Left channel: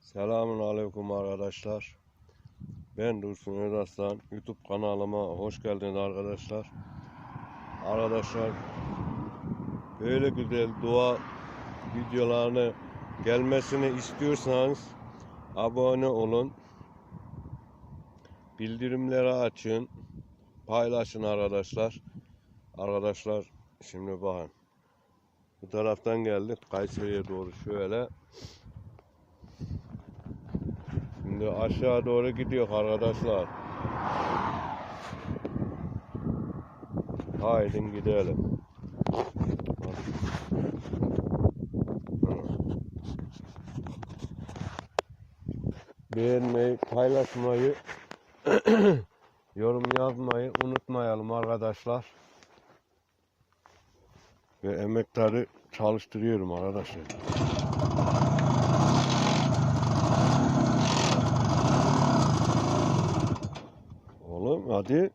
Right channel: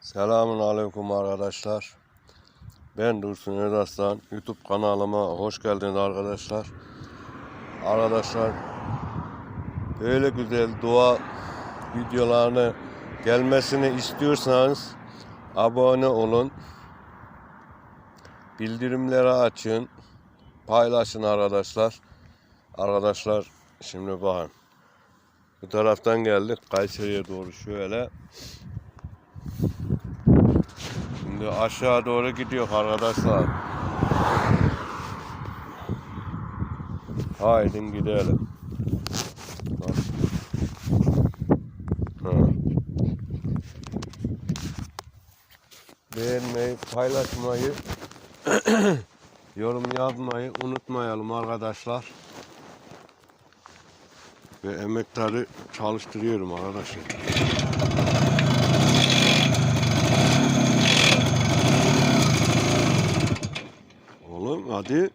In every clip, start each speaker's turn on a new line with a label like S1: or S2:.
S1: Selamun Aleyküm arkadaşlar. Ben Dursun Özaslan. YouTube kanalıma hoş geldiniz arkadaşlar. Arkadaşlar böyle güzel doğa videolarını gelmesini istiyorsanız abone olun. Bildirimleri açın. Paylaşın arkadaşlar. Arkadaşlar şimdi bakın. Bu taraftan geldik Kayseri'ye doğru şöyle. Şimdi aşağı doğru gidiyor arkadaşlar. Haydi gidelim. Beğenmeyi, paylaşmayı, yorum yazmayı unutmayalım arkadaşlar. Ve emektarı çalıştırıyorum arkadaşlar. Oğlum hadi.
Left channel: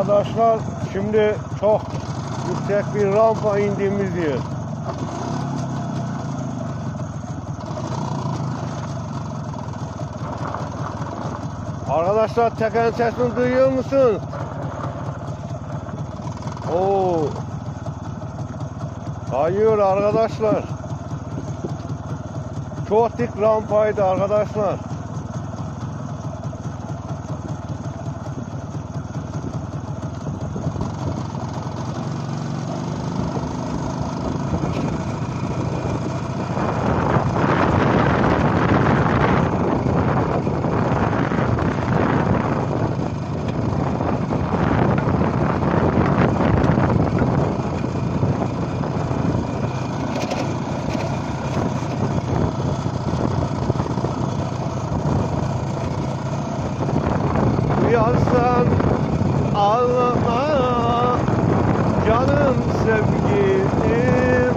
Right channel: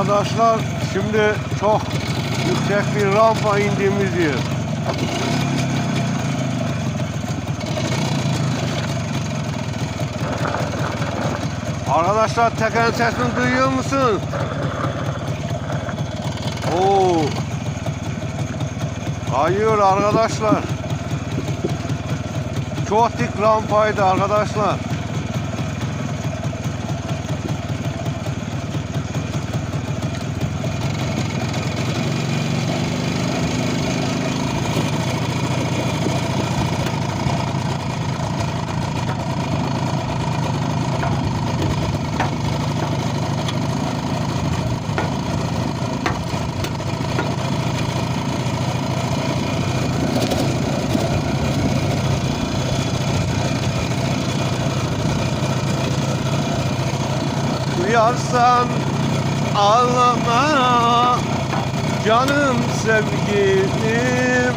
S1: Arkadaşlar şimdi çok yüksek bir rampa indiğimiz yer. Arkadaşlar tekerin sesini duyuyor musun? Oo. Hayır arkadaşlar. Çok dik rampaydı arkadaşlar. Duyarsan ağlama canım sevgilim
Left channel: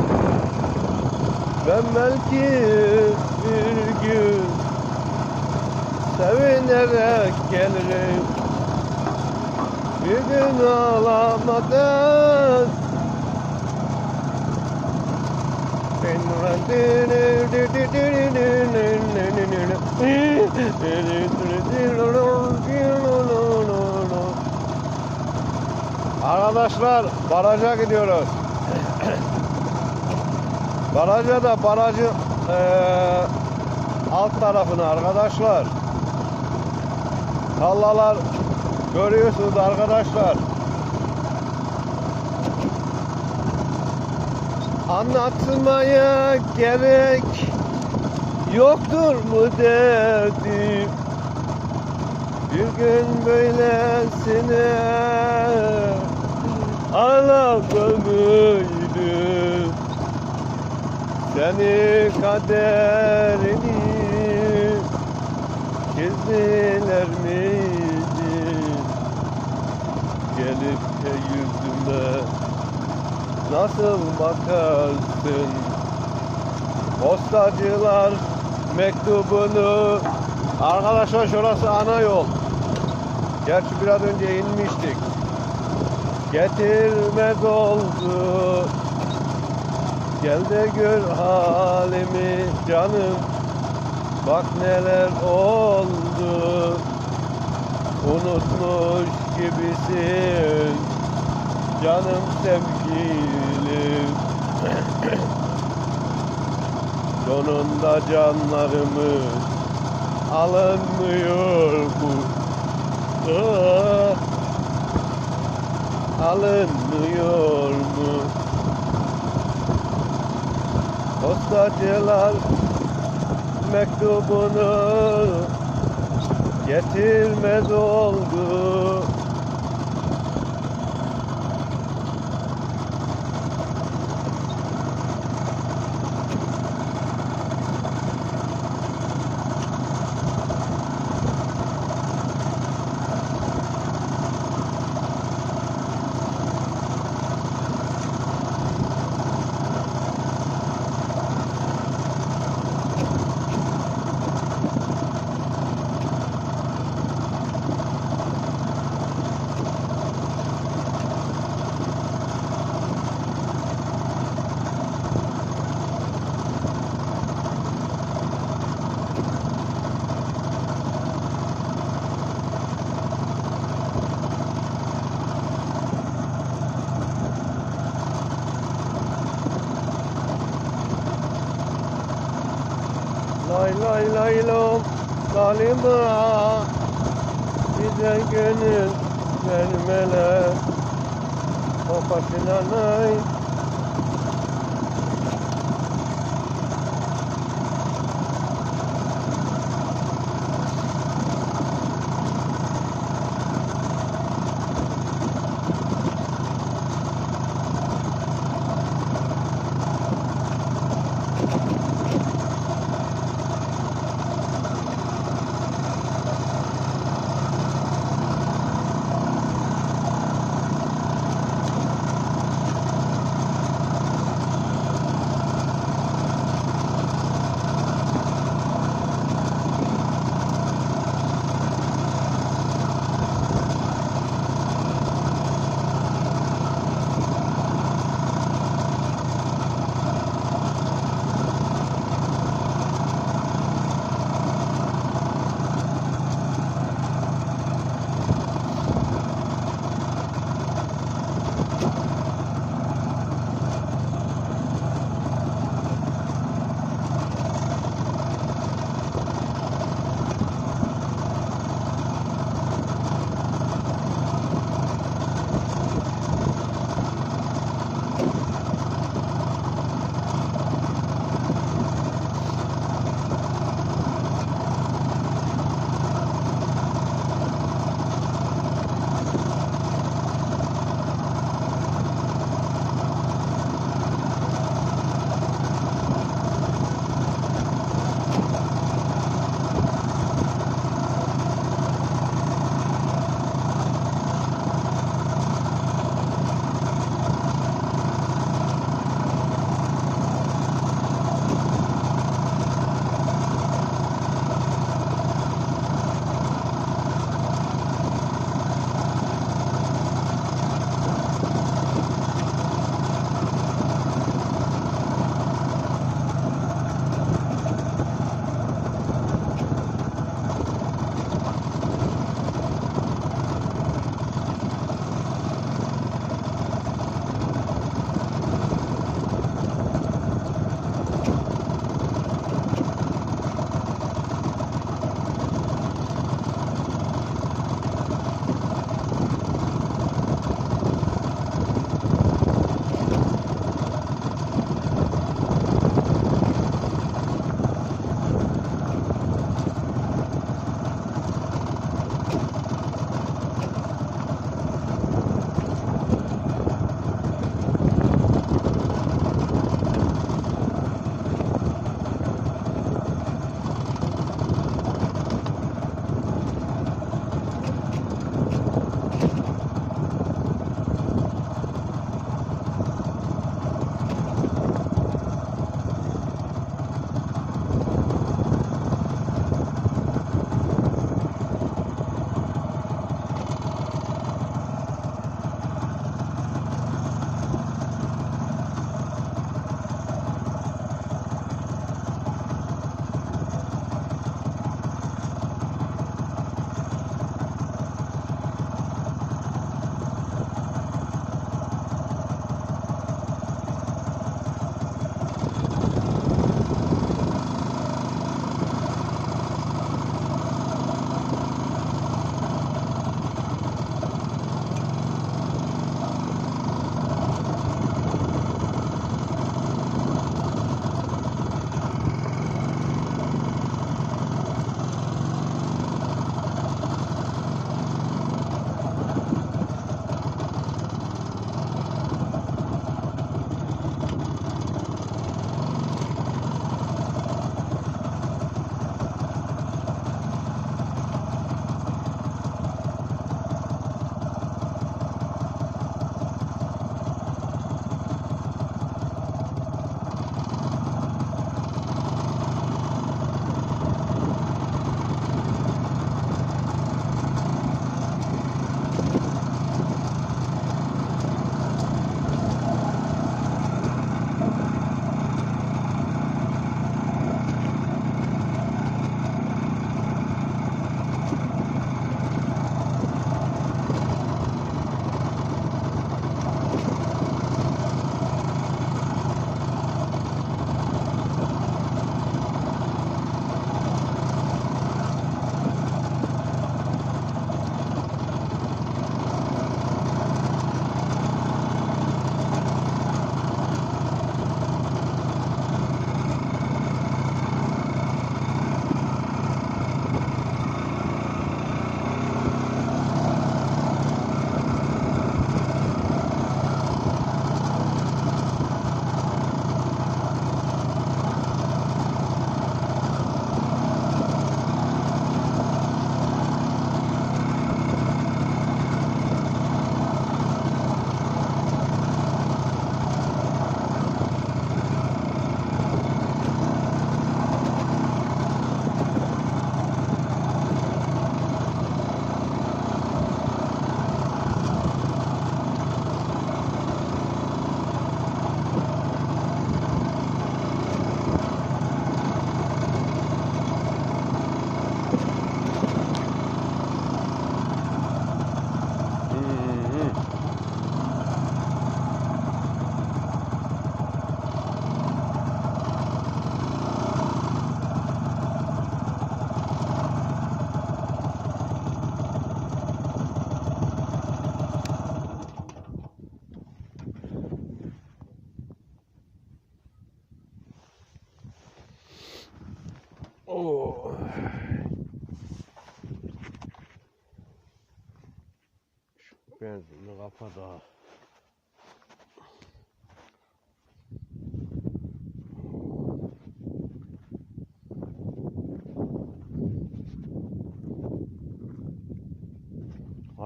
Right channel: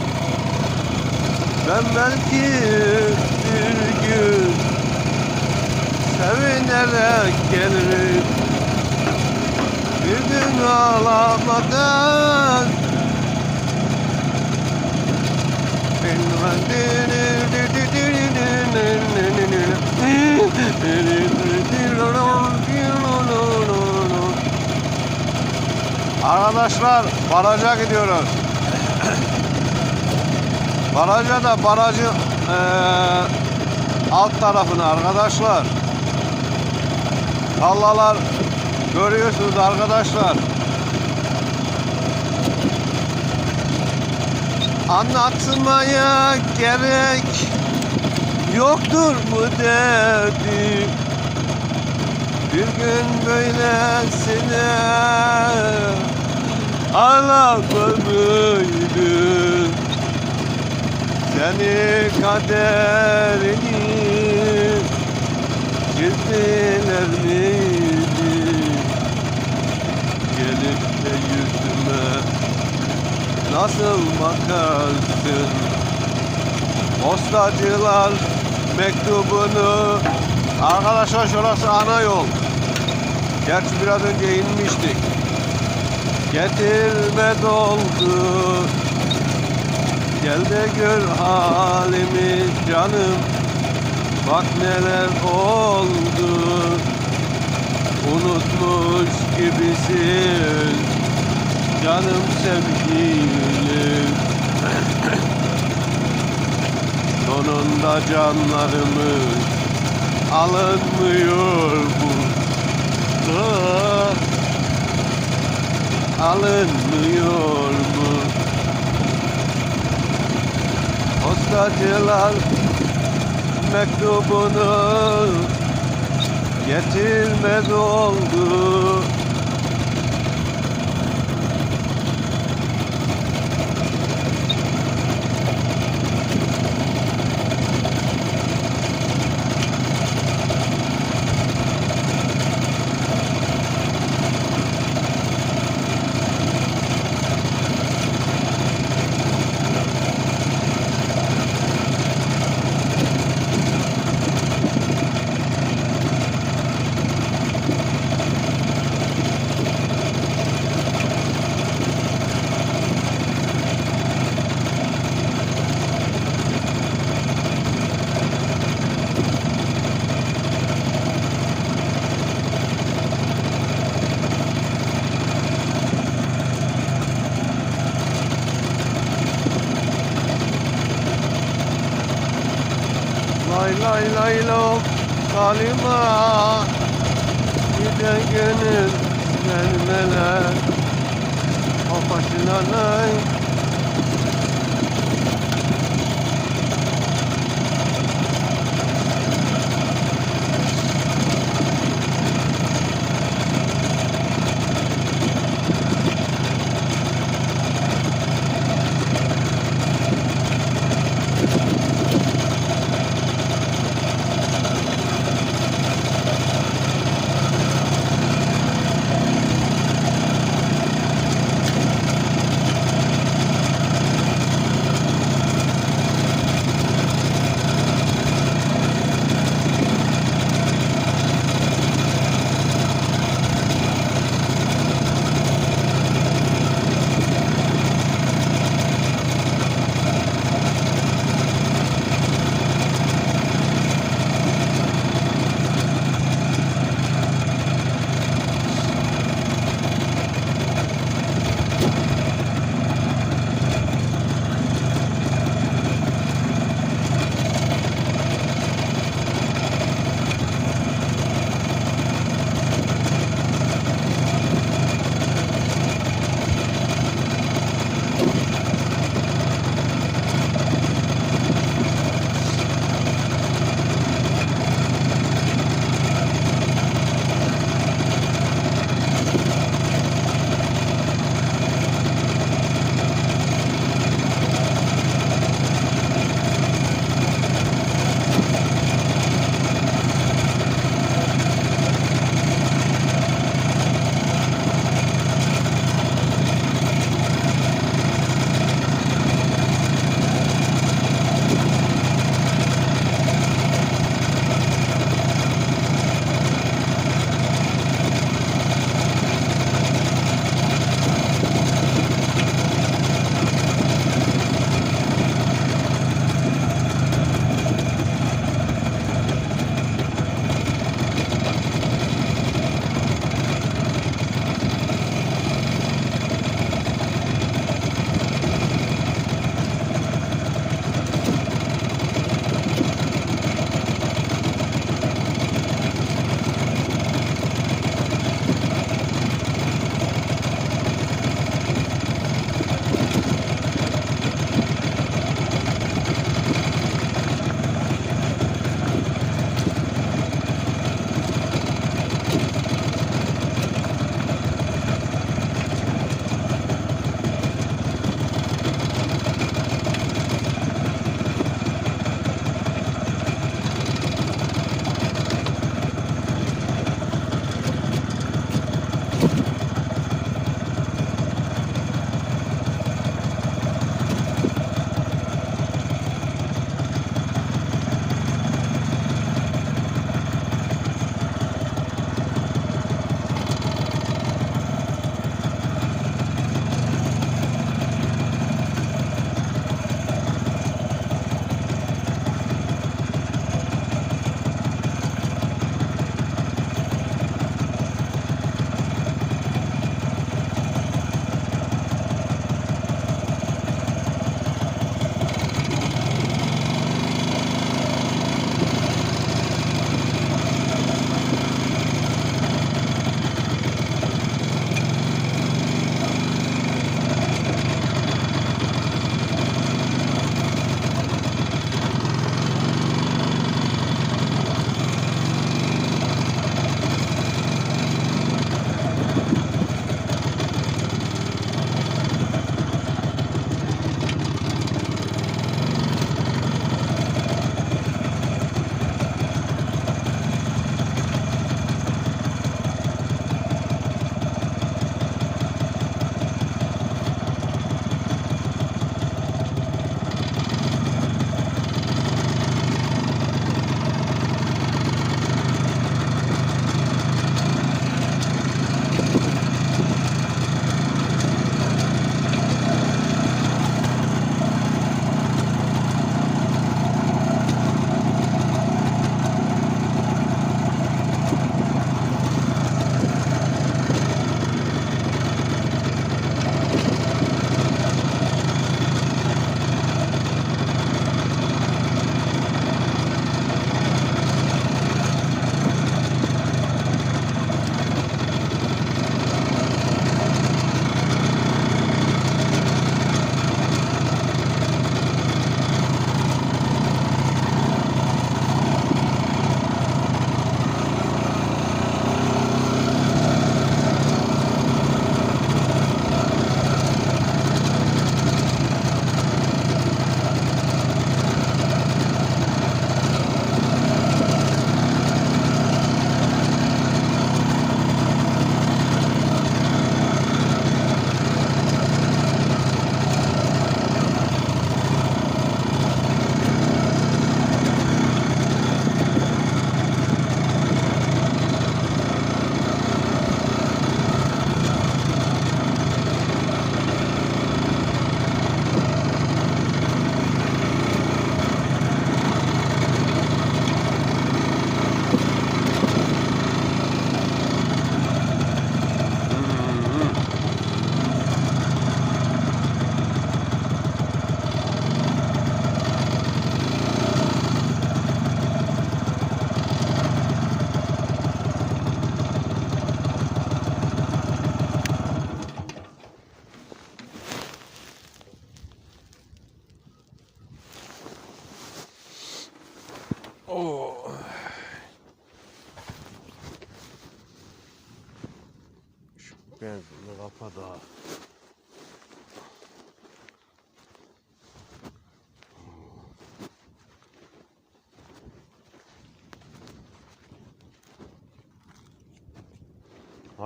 S1: Ben belki bir gün sevinerek gelirim Bir gün ağlamadan Arkadaşlar baraja gidiyoruz. Baraja da barajın eee, alt tarafına arkadaşlar. Hallalar görüyorsunuz arkadaşlar. Anlatmaya gerek yoktur mu derdim Bir gün böylesine ağlamalıydım Seni kaderini çizdiler nasıl bakarsın Postacılar mektubunu. Arkadaşlar şurası ana yol. Gerçi biraz önce inmiştik. Getirme doldu. Gel de gör halimi canım. Bak neler oldu. Unutmuş gibisin Canım sevgilim. Sonunda canlarımız alınmıyor bu. Ah, Alınmıyor bu. Postacılar mektubunu getirmez oldu Lay lay lay lom Halima Giden gönül vermeler O başına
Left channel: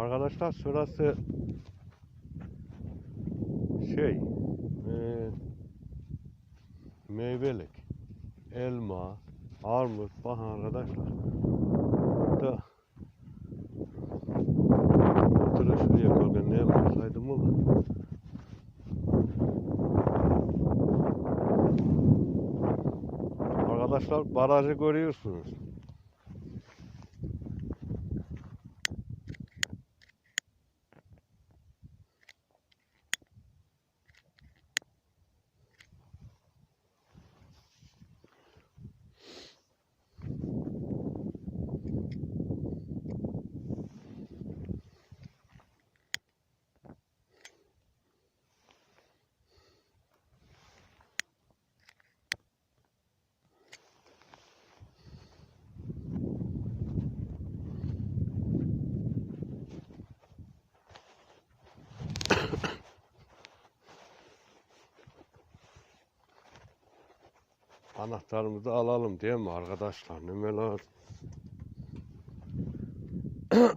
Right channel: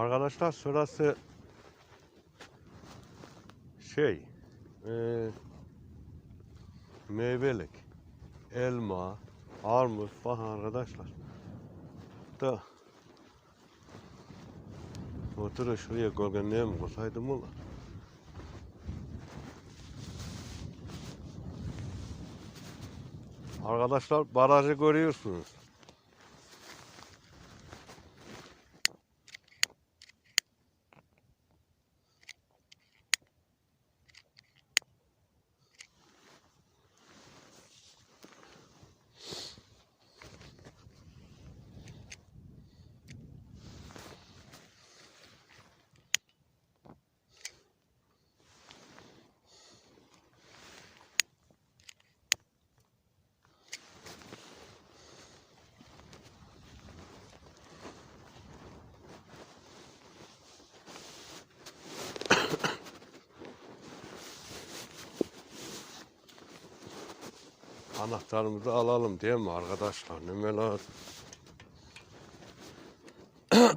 S1: Arkadaşlar şurası şey eee meyvelik elma armut falan arkadaşlar da motora şuraya koygan ne yapsaydım olur Arkadaşlar barajı görüyorsunuz. Anahtarımızı alalım değil mi arkadaşlar? Ne lazım? Heh,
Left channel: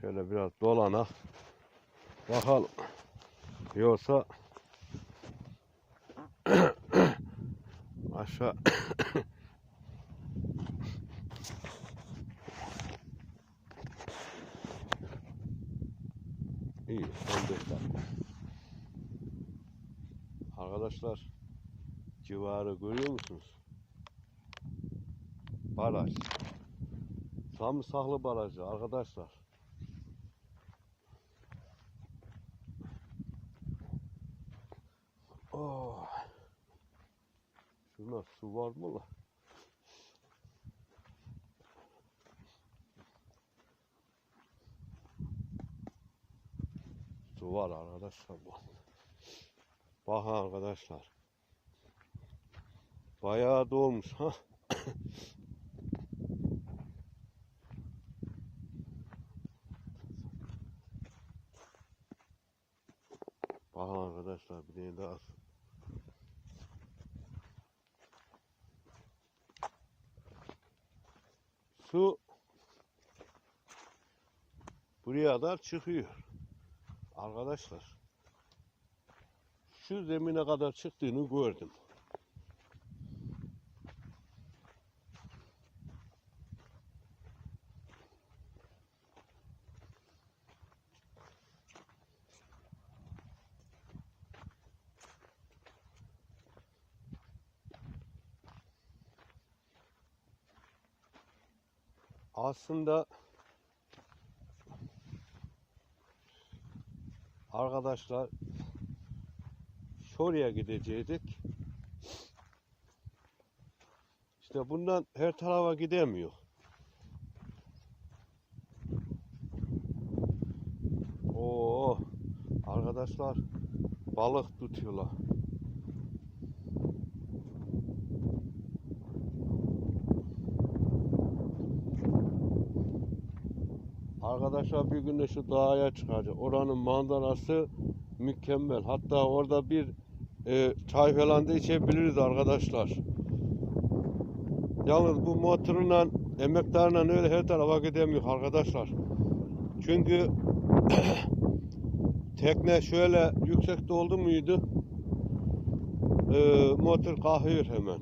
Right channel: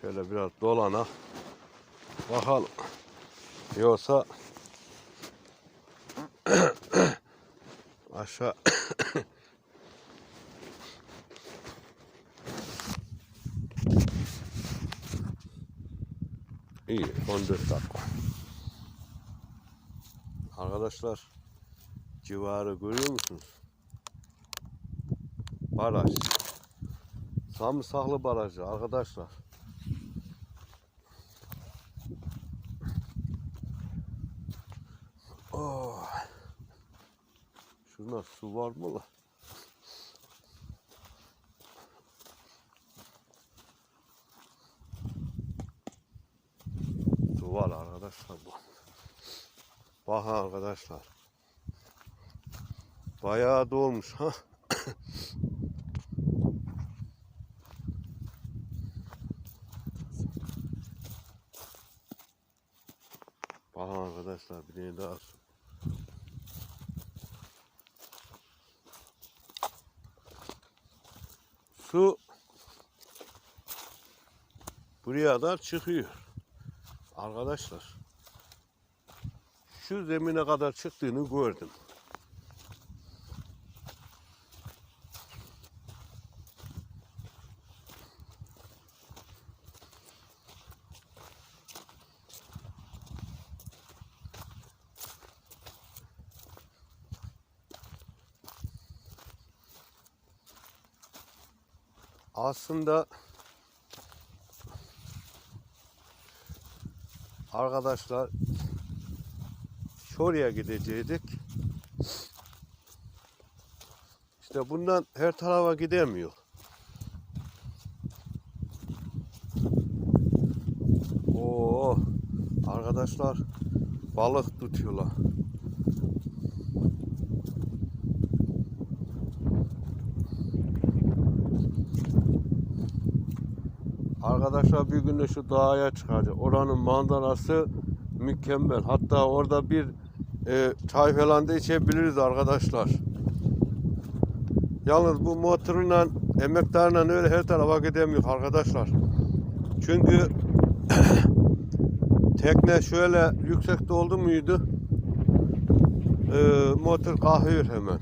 S1: Şöyle biraz dolana. Samsaklı barajı arkadaşlar. Oh. Şurada su var mı la? Su var arkadaşlar. Bak arkadaşlar. Bayağı dolmuş ha. Bak tane daha su. Su buraya kadar çıkıyor. Arkadaşlar şu zemine kadar çıktığını gördüm. Aslında arkadaşlar şuraya gidecektik. İşte bundan her tarafa gidemiyor. Oo, arkadaşlar balık tutuyorlar. Arkadaşlar bir gün de şu dağa çıkacak. Oranın manzarası mükemmel. Hatta orada bir e, çay falan da içebiliriz arkadaşlar. Yalnız bu motorla emektarla öyle her tarafa gidemiyor arkadaşlar. Çünkü tekne şöyle yüksekte oldu muydu? E, motor kalkıyor hemen.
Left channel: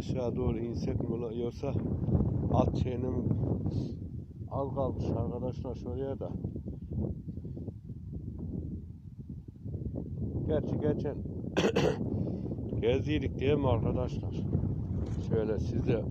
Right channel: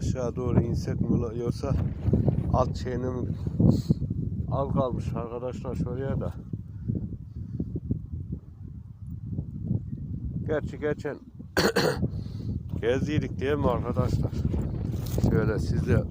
S1: aşağı doğru yoksa alt şeyinin al kalmış arkadaşlar şuraya da. Gerçi geçen gezdiydik değil mi arkadaşlar? Şöyle size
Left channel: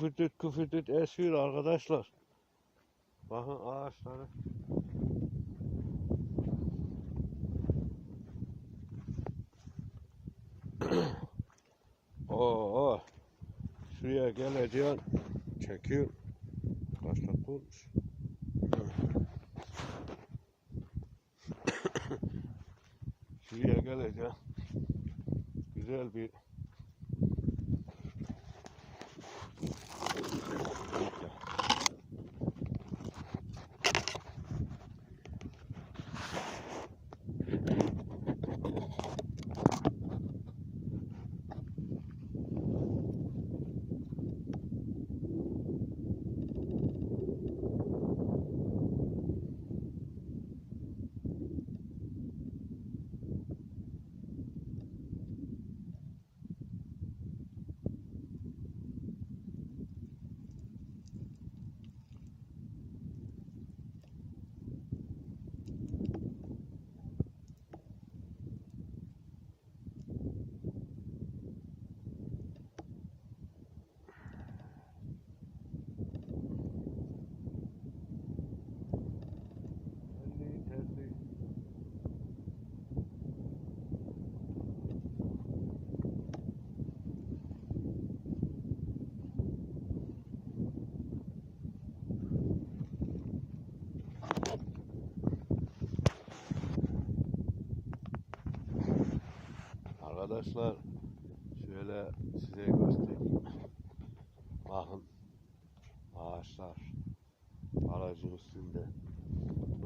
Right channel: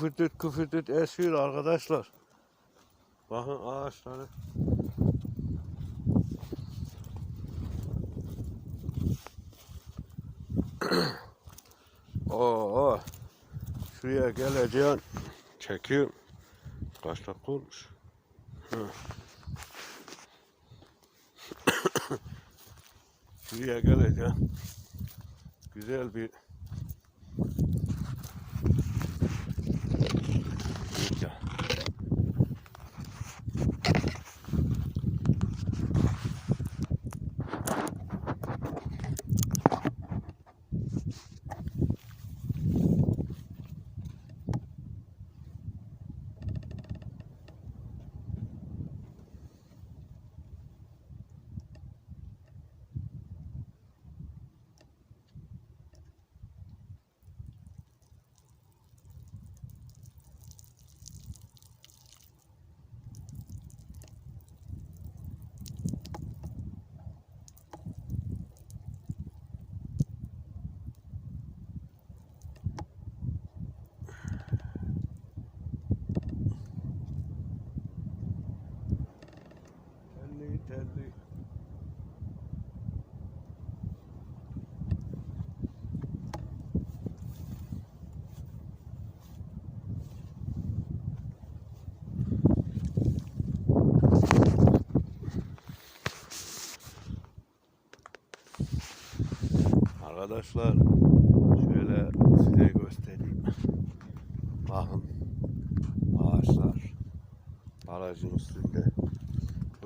S1: küfürtüt küfürtüt esiyor arkadaşlar. Bakın ağaçları. Oo, şuraya geleceğim. Çekiyorum. Kaç dakika şuraya geleceğim. Güzel bir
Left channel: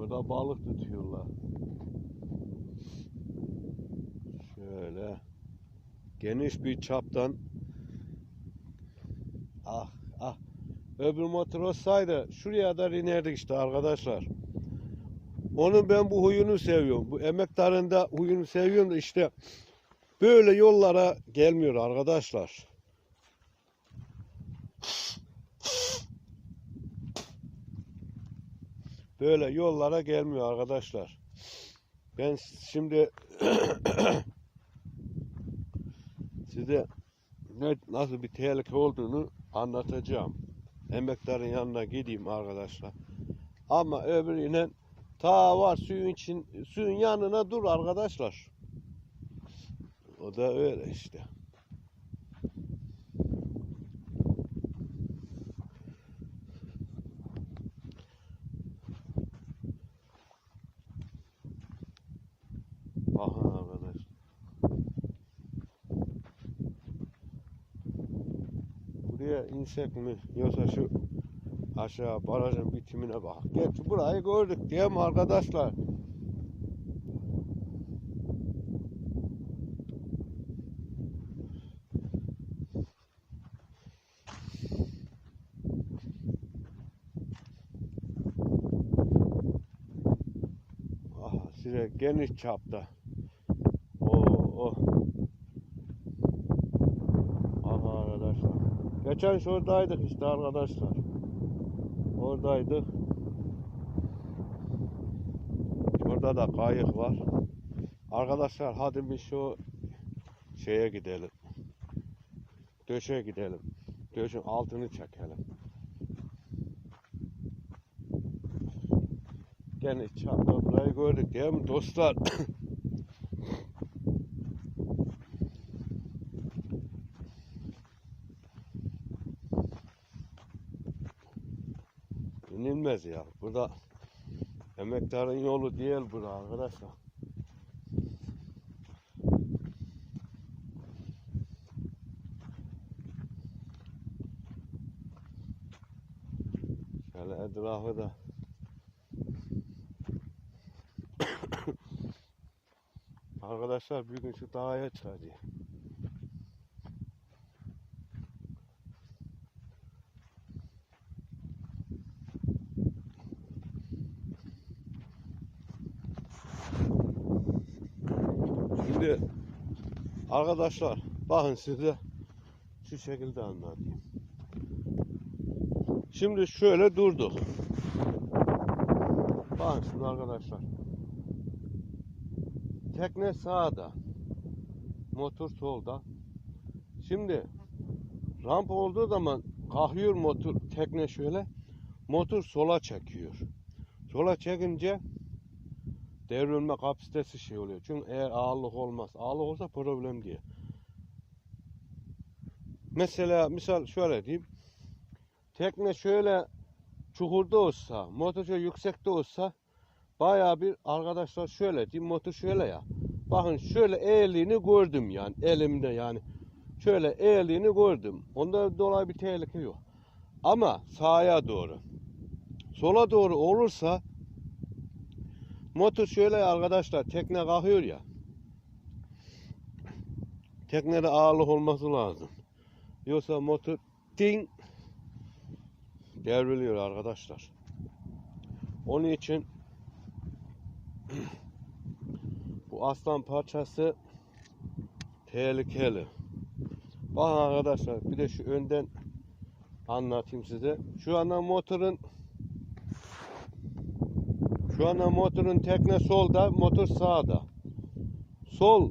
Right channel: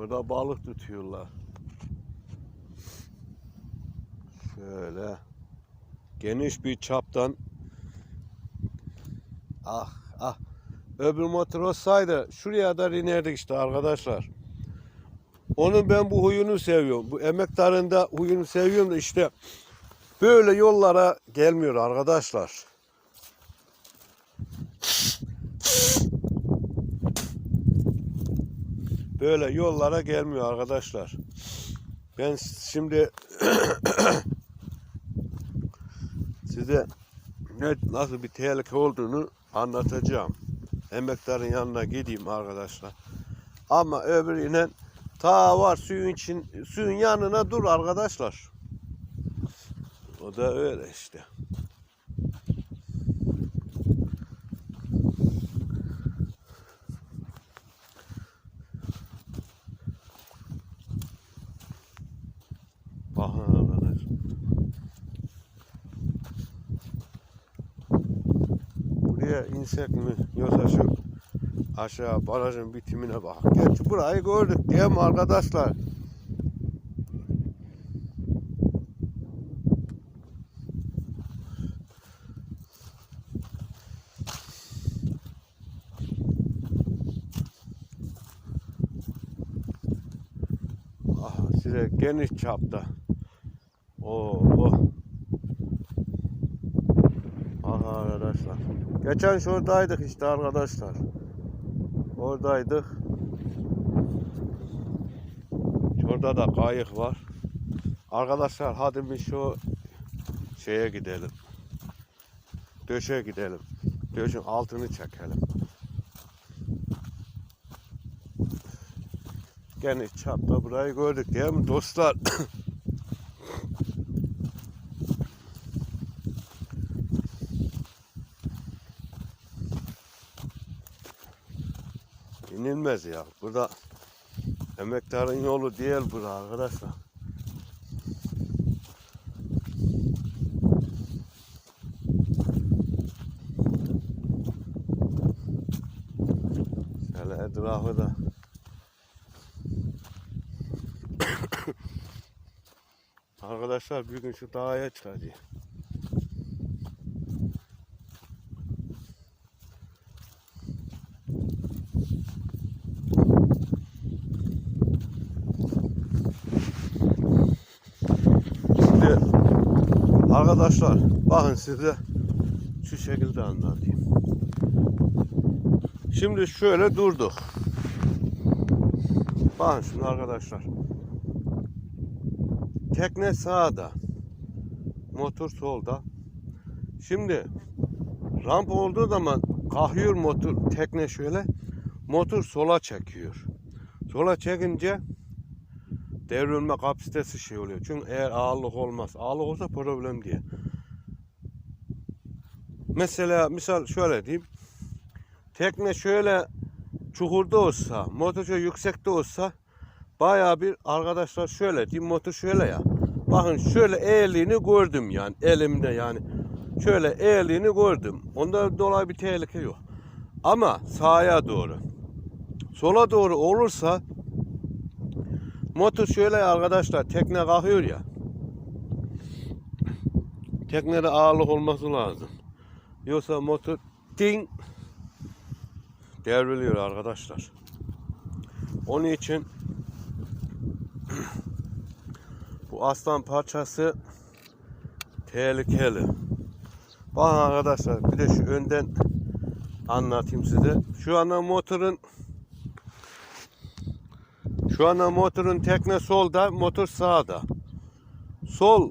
S1: Burada balık tutuyorlar. Şöyle geniş bir çaptan ah ah öbür motor olsaydı şuraya da inerdik işte arkadaşlar. Onun ben bu huyunu seviyorum. Bu emektarında huyunu seviyorum da işte böyle yollara gelmiyor arkadaşlar. Böyle yollara gelmiyor arkadaşlar. Ben şimdi size ne nasıl bir tehlike olduğunu anlatacağım. Emektarın yanına gideyim arkadaşlar. Ama öbürüyle ta var suyun için suyun yanına dur arkadaşlar. O da öyle işte. Bakın arkadaş. Buraya insek mi yoksa şu aşağı barajın bitimine bak. Gerçi burayı gördük değil mi arkadaşlar? Ah, size geniş çapta. Geçen şuradaydık işte arkadaşlar. Oradaydık. Şurada da kayık var. Arkadaşlar hadi bir şu şeye gidelim. Döşe gidelim. Döşün altını çekelim. Geniş çapta burayı gördük değil mi dostlar? İnilmez ya. Burada emektarın yolu değil bura arkadaşlar. Şöyle etrafı da Arkadaşlar bir gün şu dağa çıkacağız. Şimdi arkadaşlar bakın size şu şekilde anlatayım. Şimdi şöyle durduk. Bakın şimdi arkadaşlar. Tekne sağda. Motor solda. Şimdi ramp olduğu zaman kalkıyor motor tekne şöyle. Motor sola çekiyor. Sola çekince devrilme kapasitesi şey oluyor. Çünkü eğer ağırlık olmaz. Ağırlık olsa problem değil. mesela misal şöyle diyeyim. Tekne şöyle çukurda olsa, motor şöyle yüksekte olsa bayağı bir arkadaşlar şöyle diyeyim motor şöyle ya. Bakın şöyle eğildiğini gördüm yani elimde yani. Şöyle eğildiğini gördüm. Onda dolayı bir tehlike yok. Ama sağa doğru. Sola doğru olursa motor şöyle arkadaşlar tekne kalkıyor ya. Teknede ağırlık olması lazım. Yoksa motor ding devriliyor arkadaşlar. Onun için bu aslan parçası tehlikeli. Bakın arkadaşlar bir de şu önden anlatayım size. Şu anda motorun şu anda motorun tekne solda, motor sağda. Sol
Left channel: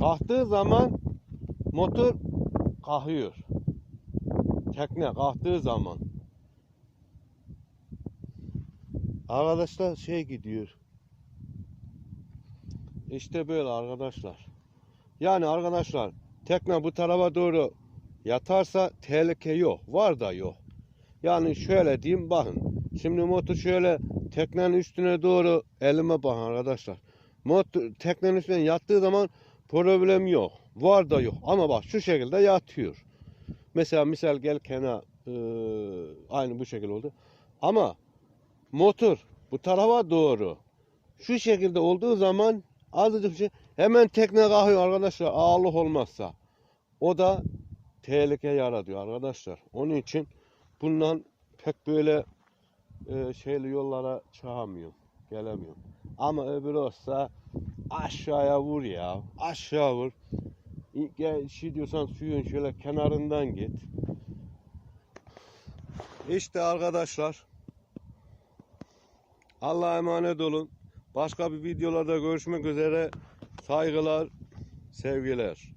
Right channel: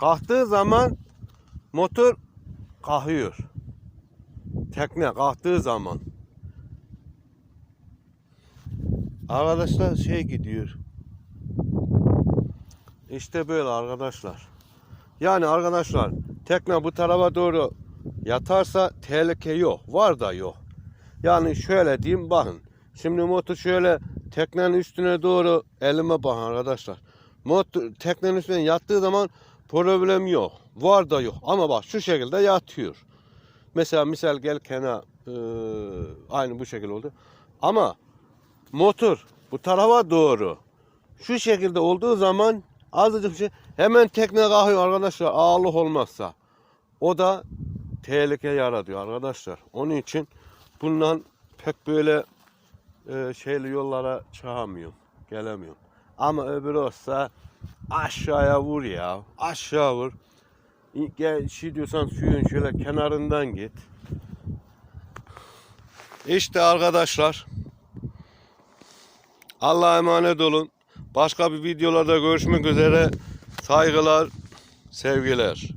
S1: kalktığı zaman motor kalkıyor. Tekne kalktığı zaman. Arkadaşlar şey gidiyor. İşte böyle arkadaşlar. Yani arkadaşlar tekne bu tarafa doğru yatarsa tehlike yok. Var da yok. Yani şöyle diyeyim bakın. Şimdi motor şöyle teknenin üstüne doğru elime bakın arkadaşlar. Motor teknenin üstüne yattığı zaman problem yok. Var da yok. Ama bak şu şekilde yatıyor. Mesela misal gel kenar eee, aynı bu şekilde oldu. Ama motor bu tarafa doğru şu şekilde olduğu zaman azıcık bir şey hemen tekne kalkıyor arkadaşlar ağırlık olmazsa. O da tehlike yaratıyor arkadaşlar. Onun için bundan pek böyle e, şeyli yollara çıkamıyorum. Gelemiyorum. Ama öbürü olsa aşağıya vur ya. Aşağı vur. Gel şey diyorsan suyun şöyle kenarından git. İşte arkadaşlar. Allah'a emanet olun. Başka bir videolarda görüşmek üzere. Saygılar, sevgiler.